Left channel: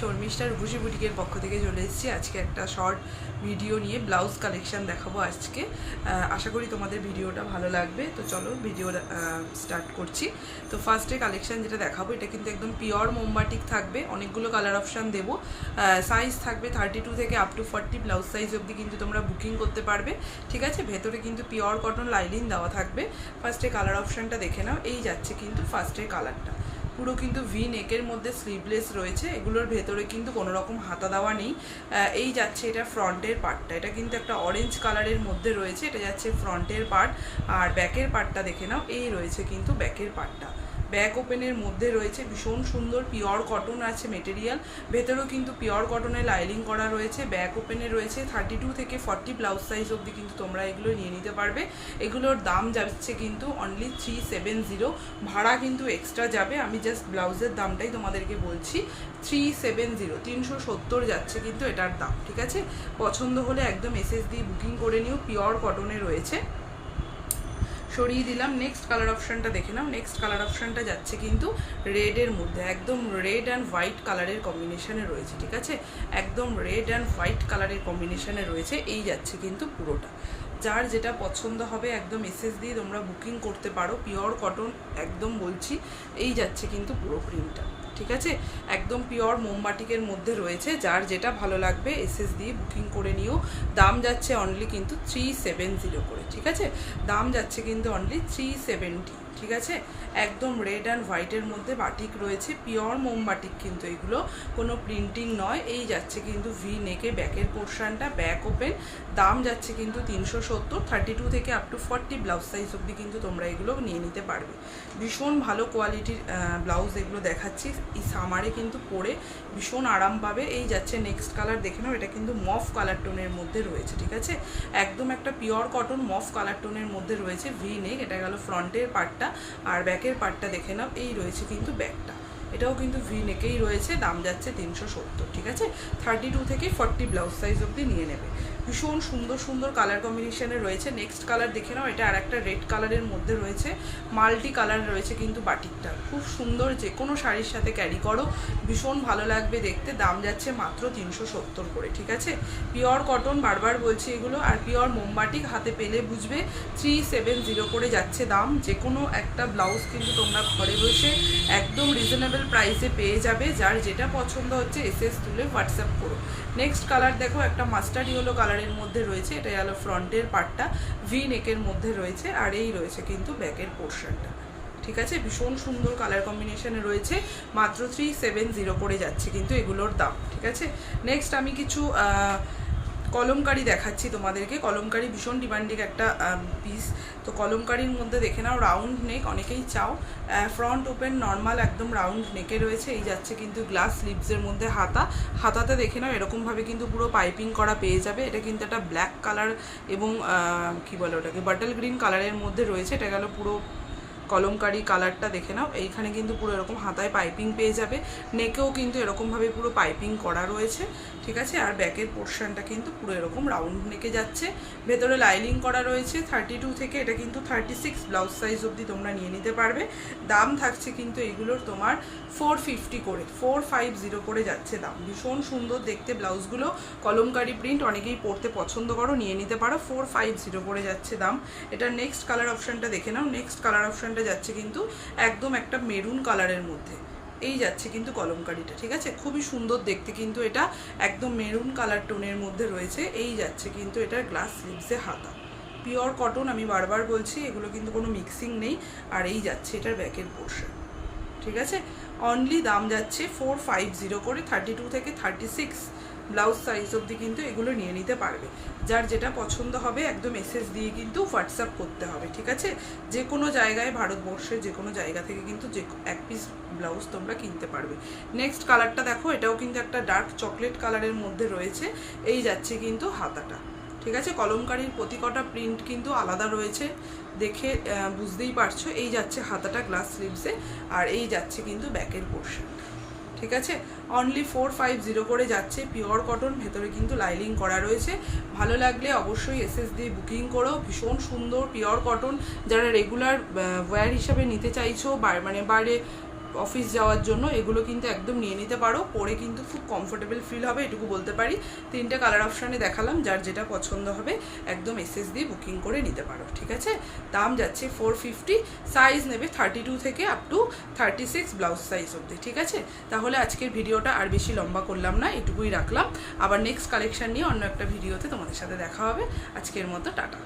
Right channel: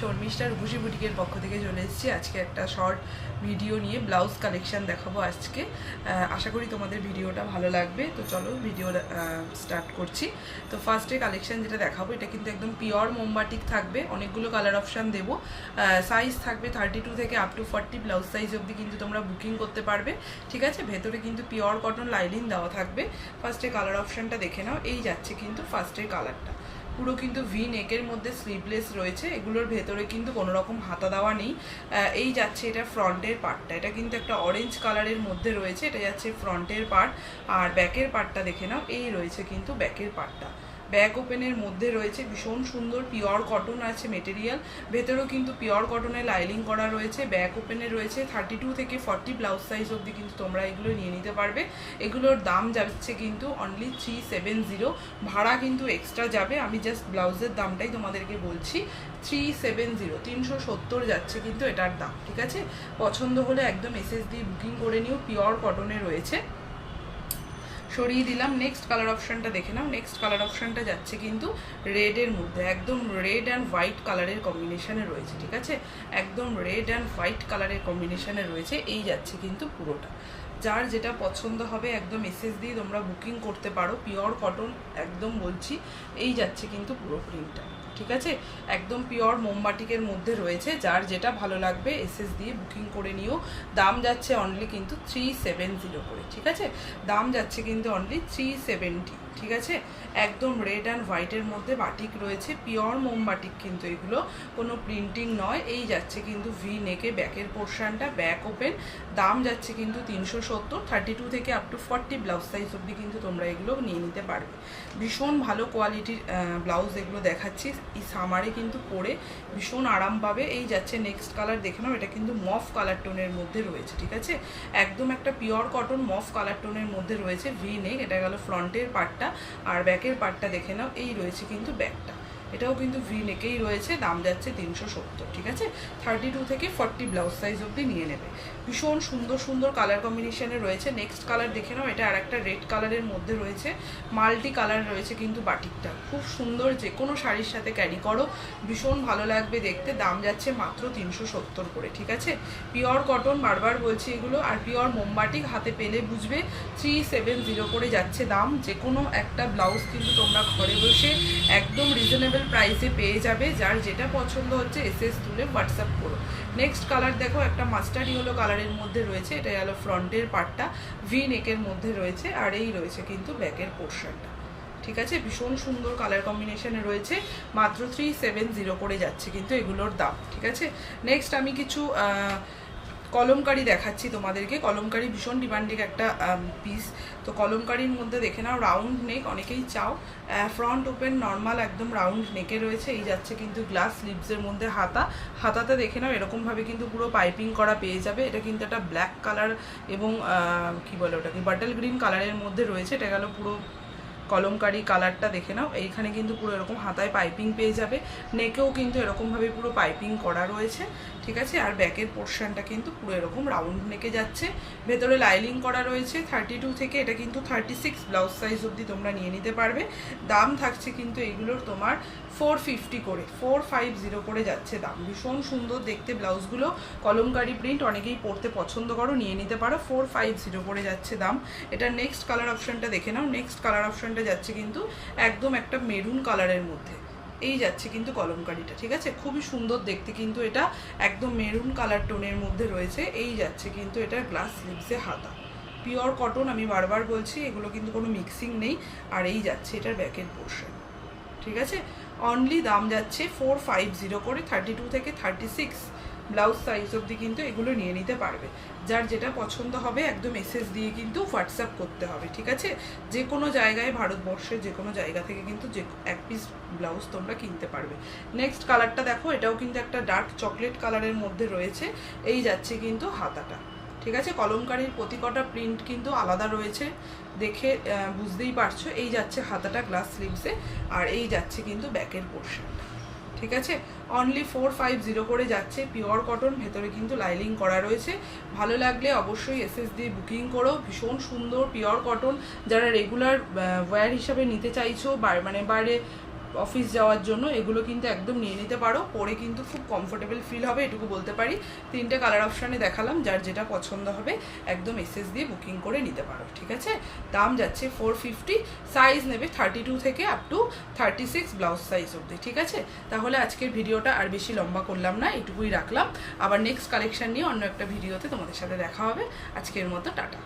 শর্মিষ্ঠার রূপসী বুটিকের পক্ষ থেকে চলে এসেছি আজকে একটা শর্ট ভিডিও নিয়ে ব্লাউজ কালেকশন দেখাবো আজকে। আশা করি তোমাদের ভিডিওটা ভালো লাগবে। তো চলো ভিডিও স্টার্ট করছি। তো ফার্স্টে কালেকশন যেটা দেখাবো এটা কিন্তু একদম পিওর মোমবাটিক থাকবে, অনেকগুলো কালার অপশান দেবো। সাইজ থাকবে 32 থেকে আপ টু 40 ব্লাউজ সাইজ অবধি কিন্তু তোমরা বুকিং করতে পারবে, ঠিক আছে। ভেতরে কিন্তু পিওর কটন লাইনিং দেওয়া থাকবে। ফার্স্টে কালার অপশানটা দেখে নাও। এই যাচ্ছে কিন্তু ফার্স্টের কালারটা, পুরো কিন্তু ভি নেকের মধ্যে স্লিভলেস রয়েছে। এগুলোর ভেতরে কিন্তু কোনো রকম হাতা দেওয়া নেই। এই যাচ্ছে এটা ফ্রন্টের পার্টটা, এটা কিন্তু একটা অরেঞ্জ কালারের মধ্যে রয়েছে। এটা যাচ্ছে ফ্রন্টের পার্ট। আর ব্যাকের পার্টটা দেখে নাও, এই রয়েছে কিন্তু ব্যাকের পার্টটা। ব্যাক ওপেনের মধ্যে রয়েছে ভীষণ সুন্দর পিওর কটন আছে মেটেরিয়াল। ভেতরেও কিন্তু পিওর কটনের লাইনিং করা রয়েছে। ব্যাক ওপেনে রয়েছে 32 থেকে 40 ব্লাউজ সাইজ অবধি কিন্তু তোমরা এগুলো নিয়ে নিতে পারবে। এগুলোর দাম যাচ্ছে কিন্তু অনলি 370। ভাড়া কিন্তু এক্সট্রা যাবে, আমি জাস্ট ব্লাউজের দামটাই তোমাদেরকে বলছি। 370 370 যাচ্ছে কিন্তু এটার দাম, ঠিক আছে। পছন্দ হলে একদম SSD বুকিং করে নিও। পিওর কটনে রয়েছে। সরিয়ে দিলাম। নেক্সট কালার অপশানটা দেখে নাও। নেক্সট কালার অপশানটা যাচ্ছে কিন্তু রেডের মধ্যে, একদম রেড অ্যান্ড হোয়াইট কালারের কম্বিনেশনে রয়েছে, ঠিক আছে। একদম রেড অ্যান্ড হোয়াইট কালারের কম্বিনেশনে রয়েছে। এই যাচ্ছে কিন্তু পুরোটা। যার যেটা পছন্দ হবে একদম SSD তোমরা বুকিং করতে পারো। পিওর কটন একদম বলছি। এই যাচ্ছে কিন্তু পুরো প্রিন্টটা, ঠিক আছে। একদম পিওর মোমবাটিকের মধ্যে রয়েছে। যার যেটা ভালো লাগবে SSD বুকিং করে নিও। দাম যাচ্ছে অনলি কিন্তু 370 করে, ঠিক আছে। দাম যাচ্ছে কিন্তু অনলি 370, ঠিক আছে। একদম রেড অ্যান্ড হোয়াইটের মধ্যে বাটিক রয়েছে, পিওর মোমবাটিক কিন্তু এগুলো, কোনো প্রিন্টিং নয়। এই যাচ্ছে কিন্তু ভি নেকে ব্যাকের পোর্শনটা, ব্যাক ওপেন। দাম যাচ্ছে কিন্তু 370। 32 থেকে আপ টু 40 ব্লাউজ সাইজ অবধি কিন্তু তোমরা এগুলো নিয়ে নিতে পারবে। ভীষণ ভালো কোয়ালিটির ব্লাউজ এগুলো দেখাচ্ছি। এই সামারে কিন্তু পরে ভীষণ আরাম পাবে। এই যাচ্ছে নেক্সট কালার দেখে নাও। এটা কিন্তু মফ কালার টোনের মধ্যে রয়েছে, ঠিক আছে। একদম একটা পিওর কটন মফ কালার টোনের মধ্যে রয়েছে। ভি নেক, এটা গেল ফ্রন্টের পার্টটা। আর ব্যাকের পার্টটা দেখে নাও। এই রয়েছে কিন্তু ব্যাকটা, এটাও কিন্তু ভি নেকেই রয়েছে। দাম যাচ্ছে 370, ঠিক আছে। 32 থেকে 40 ব্লাউজ সাইজ অবধি নিয়ে নেবে। ভীষণ সুন্দর সুন্দর কালার কম্বিনেশনে রয়েছে। নেক্সট কালার দেখে নাও। এটা আর একটা রেড কালারের মধ্যে রয়েছে। মাল্টি কালার রয়েছে কিন্তু বাটিকটা, খুব সুন্দর। যে কোনো শাড়ির সাথে ক্যারি করো, ভীষণ ভালো লাগবে দেখতে। দাম যাচ্ছে মাত্র 370 করে, ঠিক আছে। পিওর কটন, বারবার বলছি এগুলো। আর পিওর মোমবাটিক হাতে পেলে বুঝবে। 370 করে যাচ্ছে দাম। যে কোনো একটা ব্লাউজ কিন্তু তোমরা ঘরে বসে একদম রিজনেবল প্রাইসে পেয়ে যাবে। যার যেটা পছন্দ হচ্ছে SS তুলে হোয়াটসঅ্যাপ করো। নেক্সট কালার দেখো, একটা মাস্টার্ড ইয়েলো কালারের মধ্যে রয়েছে। এটা গেল ফ্রন্টের পার্টটা, ভি নেকের মধ্যে রয়েছে। আর এই রয়েছে কিন্তু ব্যাকের পোর্শনটা, ঠিক আছে। ভীষণ সুন্দর কালার কম্বিনেশনে রয়েছে। মাত্র 370 করে যাচ্ছে কিন্তু এগুলোর দাম, ঠিক আছে। নেক্সট আমি কিছু কলমকারি দেখাচ্ছি তোমাদেরকে। কলমকারি ভীষণ ডিমান্ডিং একটা পিস। তো কলমকারির মধ্যে দেখে নাও, রাউন্ড নেক অনেকেই চাও। ফ্রন্ট ওপেন নর্মাল একদম রাউন্ড নেকে রয়েছে। এই যাচ্ছে কিন্তু গ্লাস স্লিভসের মধ্যে হাতা। হাতাতে দেখে নাও এরকমভাবে কিন্তু পুরো পাইপিং করা পেয়ে যাবে। এটা কিন্তু একটা ব্ল্যাক কালার এবং কী বলে ওটাকে, বাটল গ্রিন কালারের মধ্যে রয়েছে। এটা গেল পুরো কলমকারি কালারটা দেখে নাও। এইখানে কিন্তু পুরো এরকম হাতায় পাইপিং পেয়ে যাবে। নেকেও কিন্তু এরকমভাবে পুরো পাইপিং করা রয়েছে, ঠিক আছে। আর ব্যাকের পোর্শনটা কিন্তু পুরো এরকম রাউন্ড নেকে যাচ্ছে। ভেতরে লাইনিং করা রয়েছে। 32 থেকে এটা কিন্তু 36 ব্লাউজ সাইজ অবধি তোমরা নিয়ে নিতে পারবে। দাম থাকছে কিন্তু এইগুলোর তোমার 450 করে, 450 করে যাচ্ছে দাম। ভীষণ সুন্দর দেখতে ব্লাউজগুলো। কলমকারি প্রিন্ট অনেকেই পরতে পছন্দ করো, নিয়ে নিতে পারো। 450 করে যাচ্ছে দাম। এটা নেক্সট কালার অপশানটা দেখে নাও। নেক্সট কালার অপশানটা যাচ্ছে কিন্তু একদম একটা মেরুন কালারের মধ্যে। এই যাচ্ছে কিন্তু কলমকারিটা, ঠিক আছে। খুবই সুন্দর দেখতে কিন্তু এটা, একদম মেরুন কালার টোনের মধ্যে রয়েছে। এই যাচ্ছে কিন্তু এটার গ্লাস স্লিভসে হাতা। পিওর কটন, আমি বারবার বলছি, এগুলো কিন্তু কোনো মিক্সিং নেই। আর এই যাচ্ছে এটার ব্যাকের পোর্শন, ঠিক আছে। অনলি দাম যাচ্ছে 450 করে। 32 থেকে 36 ব্লাউজ সাইজ অবধি কিন্তু এগুলো নিয়ে নিতে পারবে। যার যেটা পছন্দ হবে একদম SS দিয়ে কিন্তু হোয়াটসঅ্যাপ করতে হবে, ঠিক আছে। যে কোনো জায়গায়, ভারতবর্ষের যে কোনো জায়গা থেকে কিন্তু যে এক পিস ব্লাউজ তোমরা কিনতে পারবে। নেক্সট কালারটা দেখো। এটাও কিন্তু একটা ডার্ক চকলেট কালারের মধ্যে রয়েছে। এই যাচ্ছে কিন্তু হাতাটা, ঠিক আছে। কলমকারির প্রতি কটা প্রিন্ট কিন্তু আলাদা রয়েছে, দেখে বুঝতেই পারছো। এই যাচ্ছে হাতাটা গ্লাস স্লিভসে। আর এই যাচ্ছে কিন্তু ব্যাকের পোর্শন, ঠিক আছে। অনলি 450 করে যাচ্ছে। পিওর কটন, ভেতরে কিন্তু লাইনিং করা রয়েছে। ভালো লাগলে অবশ্যই SS দিয়ে বুকিং করো। ভীষণ সুন্দর পিওর কটন। যারা রেগুলার ওয়্যার হিসাবে নিতে চাইছো, মানে বাইরে অফিস যাওয়ার জন্য এগুলো কিন্তু একদম নিয়ে নিতে পারো, পরে কিন্তু খুব কমফোর্টেবল ফিল হবে, এটুকু বলতে পারি। 3টে কালার অপশানে দেখালাম, যার যেটা পছন্দ হবে একদম এসএস দিয়ে বুকিং করে নিতে পারো, ঠিক আছে। দাম যাচ্ছে 450, সাইজ নেবে 32 থেকে আপ টু 36 ব্লাউজ সাইজ অবধি, ঠিক আছে। তাহলে আজকের ভিডিওটা আর বেশি লম্বা করলাম না, এটুকুই রাখলাম। আবার নেক্সট কালেকশন নিয়ে অন্য একটা ভিডিওতে তোমাদের সাথে দেখা হবে। আজকের মতো টাটা।